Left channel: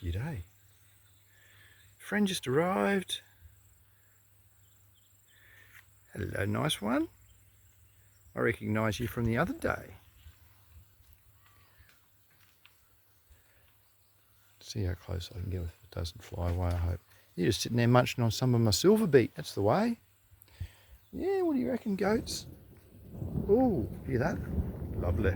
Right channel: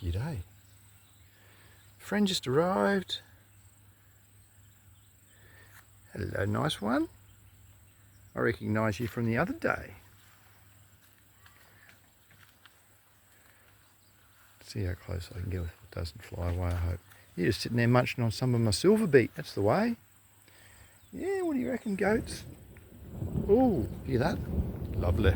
G'day. Friend just arrived. Hello, nice one. I recognise you from the other day. See how close I can get with it doesn't fly away, I hope. You're just sitting there munching on some of my silver beet. That's the way. Yeah, what do you reckon, goats? Oh, hear that? Lovely.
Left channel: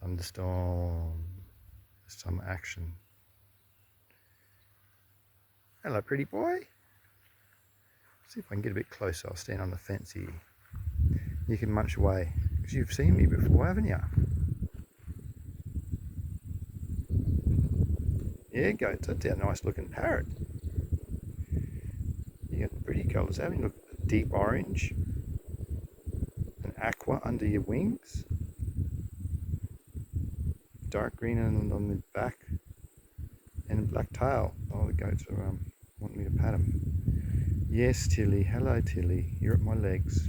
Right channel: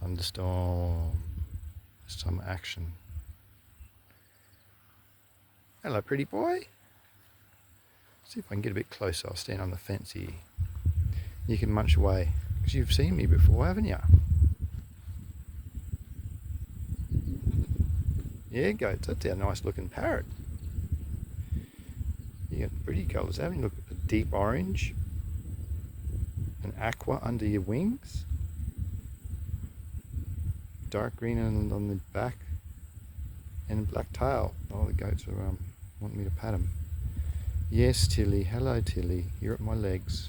Thunderstorm. Some action. Hello, pretty boy. See if I can get a bit closer. I'll stand on the fence here. You can munch away, because you've seen me before, haven't you? Yeah, goats. That's our nice looking parrot. You got pretty colours, haven't you? Look, a deep orange, an aqua under your wings, dark green on the back, and a black tail. Oh, the goats are wanting me to pat them. Yes, Tilly. Hello, Tilly. You're at my legs.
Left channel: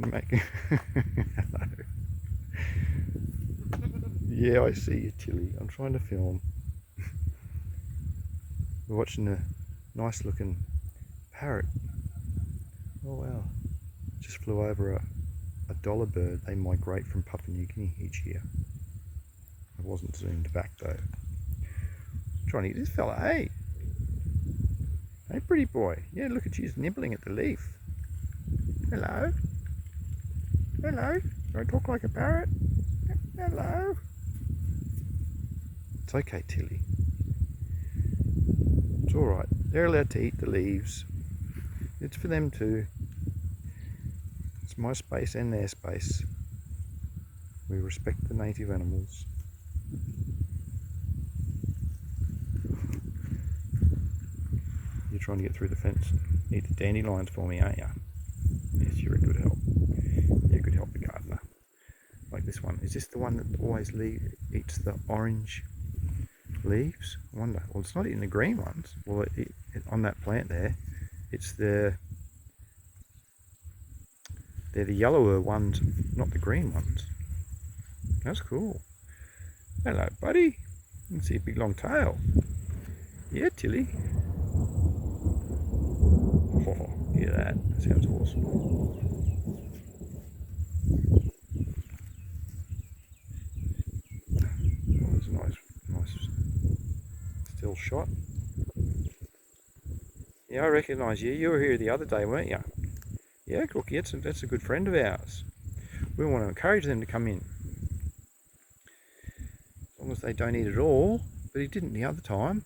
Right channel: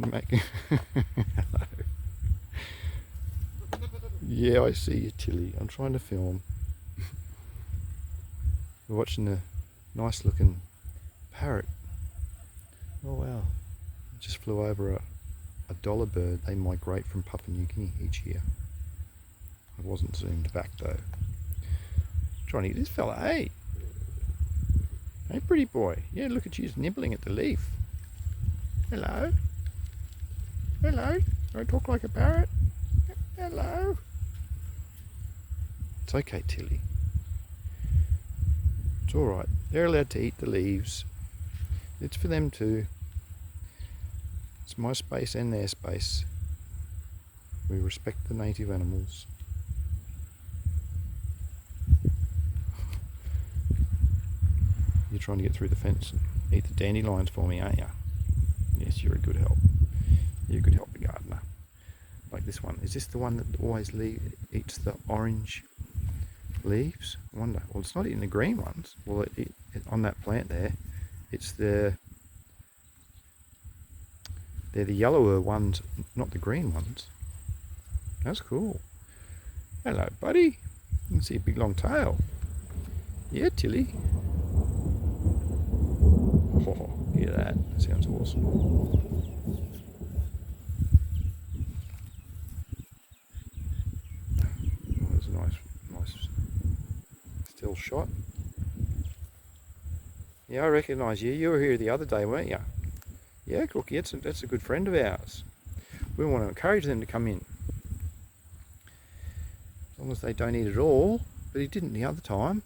Hello. Yeah, I see you, Tilly. I'm trying to film. We're watching a nice looking parrot. Oh wow. Just flew over a dollar bird. They migrate from Papua New Guinea each year. I wasn't zoomed back though. Trying to get this fella, hey. Hey, pretty boy. Yeah, look at you, just nibbling at the leaf. Hello. Hello. Do I talk like a parrot? Hello. It's okay, Tilly. It's alright. They're allowed to eat the leaves. It's for them too. It's my space and their space. We respect the native animals. You're trying to get through the fence and eat the dandelions for me, aren't you? Yes, you're a good help. You're a good helper gardener. Like this one. Is this the one that always eats the orange leaves? I wonder. Well, it's not eating the green ones. Well, on that plant there, it's they're the yellower ones, not the green ones. That's cool. Hello, buddy. You can see a big long tail. Yeah, Tilly. Oh, hear that? That sounds awesome. Oh, there's a nice still shot. Yeah, I recognise you. You were here the other day, weren't you? Yeah, Cookie, that's a good friend of ours. We want to encourage them to come in. As long as they don't eat it all. But he didn't the other time.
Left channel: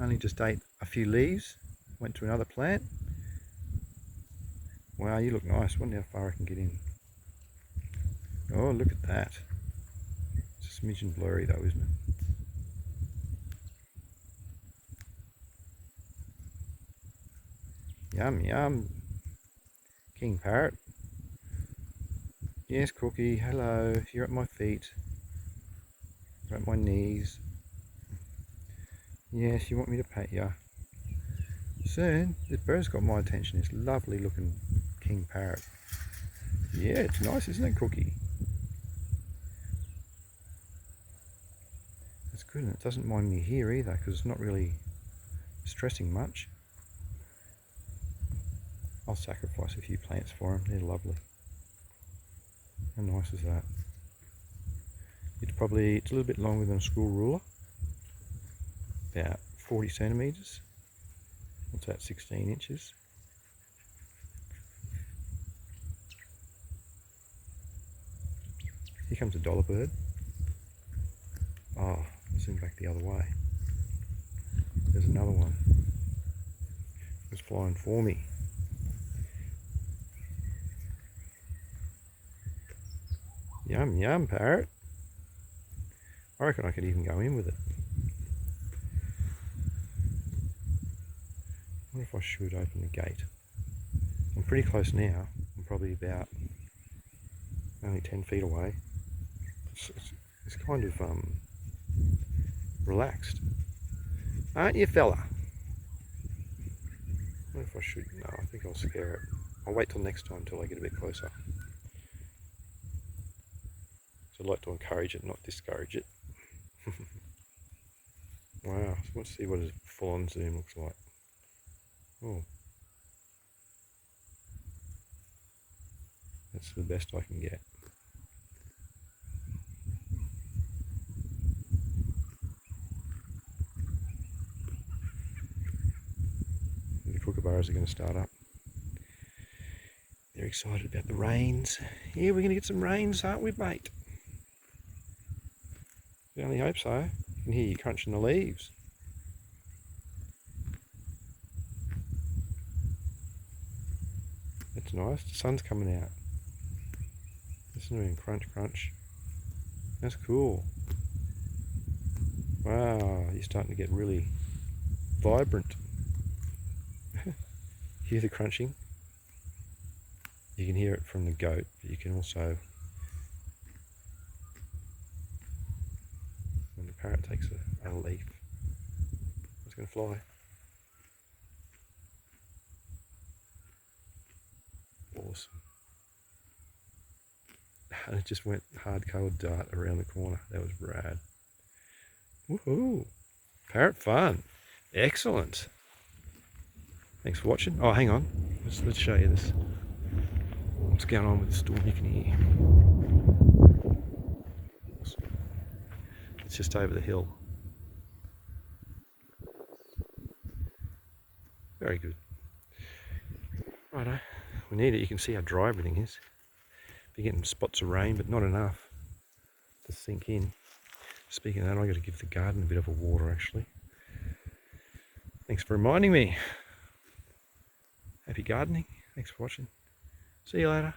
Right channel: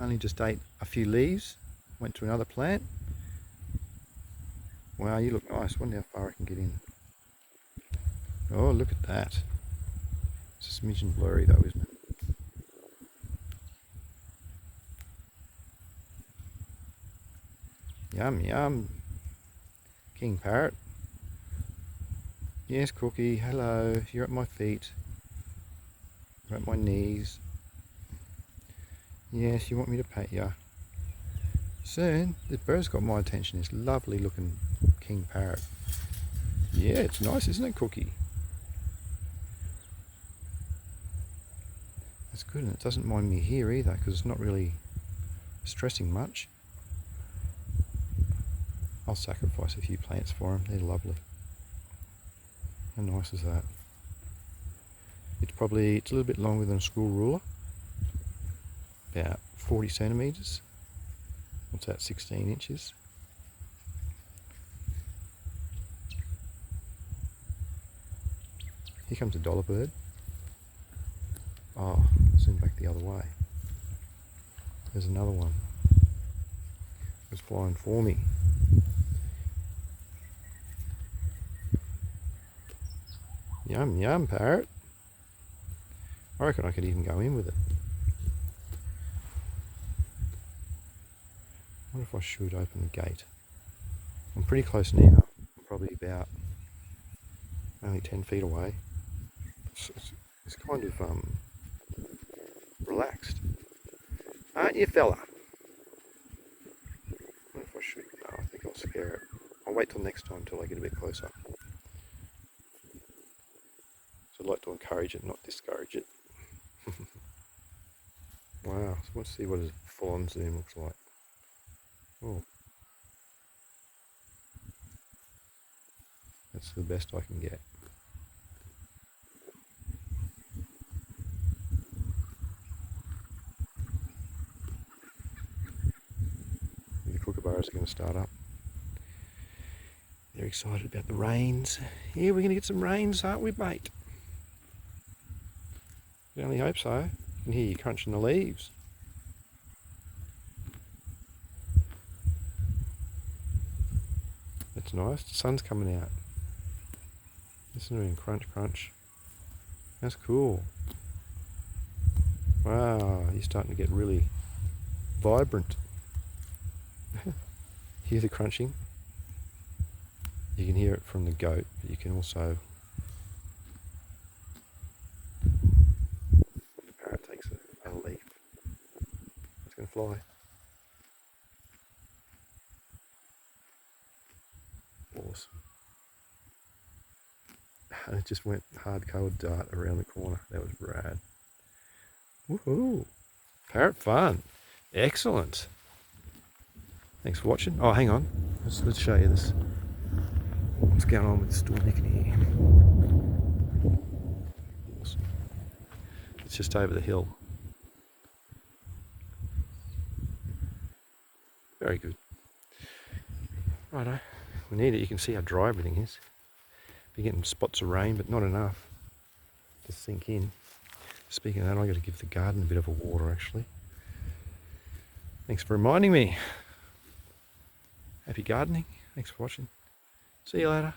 Only just ate a few leaves. Went to another plant. Wow, you look nice. Wonder how far I can get in. Oh, look at that. It's a smidgen blurry though, isn't it? Yum, yum. King Parrot. Yes, Cookie. Hello. You're at my feet. You're at my knees. Yes, you want me to pat you. Soon. This bird's got my attention. This lovely looking king parrot. Yeah, it's nice, isn't it, Cookie? That's good, and it doesn't mind me here either because it's not really stressing much. I'll sacrifice a few plants for him. They're lovely. How nice is that? It's a little bit longer than a school ruler. About 40 centimetres. What's that, 16 inches? Here comes a dollar bird. Oh, zoom back the other way. There's another one. It's flying for me. Yum, yum, parrot. I reckon I could even go in with it. I wonder if I should open the gate. I'm pretty close now. I'm probably about only 10 feet away. It's kind of relaxed. Aren't you, fella? I wonder if I should. No, I think I'll scare it. I'll wait till next time until I get a bit closer. like to encourage it, not discourage it. Wow, so let's see what a full-on zoom looks like. Oh, that's the best I can get. The kookaburras are going to start up. They're excited about the rains. Yeah, we're going to get some rains, aren't we, mate? I only hope so. You can hear you crunching the leaves. That's nice. The sun's coming out. Listen to him crunch, crunch. That's cool. Wow, he's starting to get really vibrant. Hear the crunching? You can hear it from the goat, but you can also, when the parrot takes a leaf, it's going to fly. Awesome. And it just went hard-colored dart around the corner. That was rad. Woohoo! Parrot fun. Excellent. Thanks for watching. Oh, hang on. Let's show you this. What's going on with the storm? You can hear. Awesome. It's just over the hill. Very good. Righto. We need it. You can see how dry everything is. Be getting spots of rain, but not enough to sink in. Speaking of that, I've got to give the garden a bit of a water actually. Thanks for reminding me. Happy gardening. Thanks for watching. See you later.